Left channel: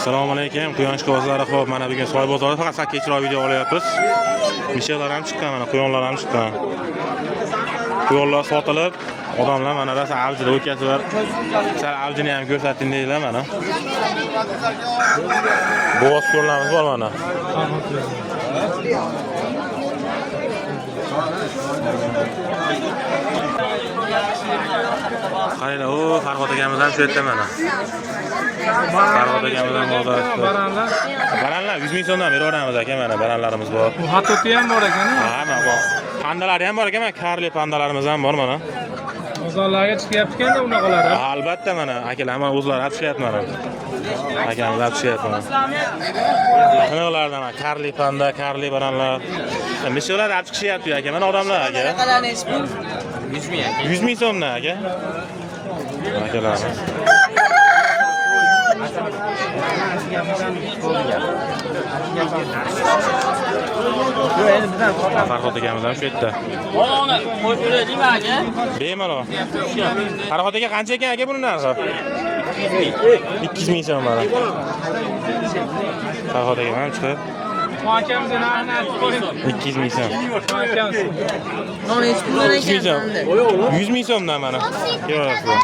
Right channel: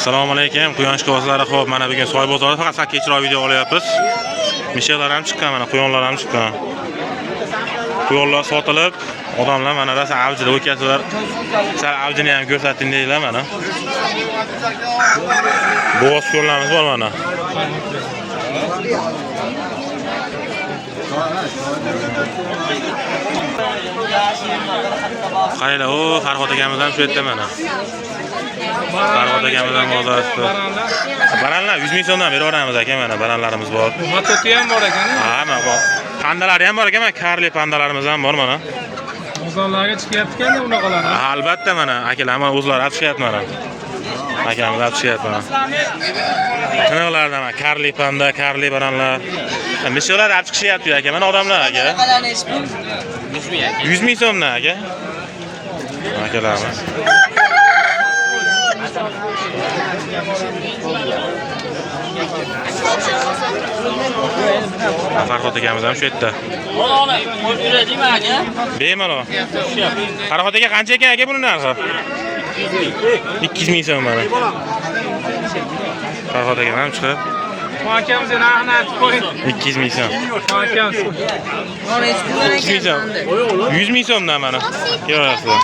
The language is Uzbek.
Assalomu alaykum. Quyosh kozlari xo'p, mana bugun soy bozorida faqat sakkichroq video olyapmiz. Mishaklar ham chiqqan, mana quyonlar ham chiqqan. Quyonlar sotilib, odamlar mana rosa avjida o'tkazlar. Sal avjini ham ko'rsating deylar mana. Bo'g'oz ko'llarimiz bor mana. Qayla, o Farhod akamiz ham shu yerda mana. Farhod akamiz ham bozorda. Baranlar 100 ming so'mdan berib yuboramiz aka, mana baranlarimiz bor. Hatoti ham bor ekan. Ha, mana bor. Pandalari ham bor ekan, mana karli pandalarimiz ham bor mana. Bozorlarga chiqyapti-kanda bunaqalar. Albatta mana akalar ham o'zlari olib chiqyapti mana. Akamiz olib chiqyapti mana. Qanalardan mana karli panda, karli baranlar. Mishaklar olib chiqishyapti aka, mana odamlar aka. 100 ming so'mdan aka. Akalarimiz. Farhod akamiz ham shu yerda. Mana qo'yib beradingmi aka? Bemalol. Farhod aka qancha ekan aka buni narxi? 200 ming so'm mana. Farhod aka ham chiqib. Akamiz narxini aytib qo'ying. 200 ming so'm. Akamiz. 100 ming so'm. 100 ming so'mdan mana. Ko'rasizlar.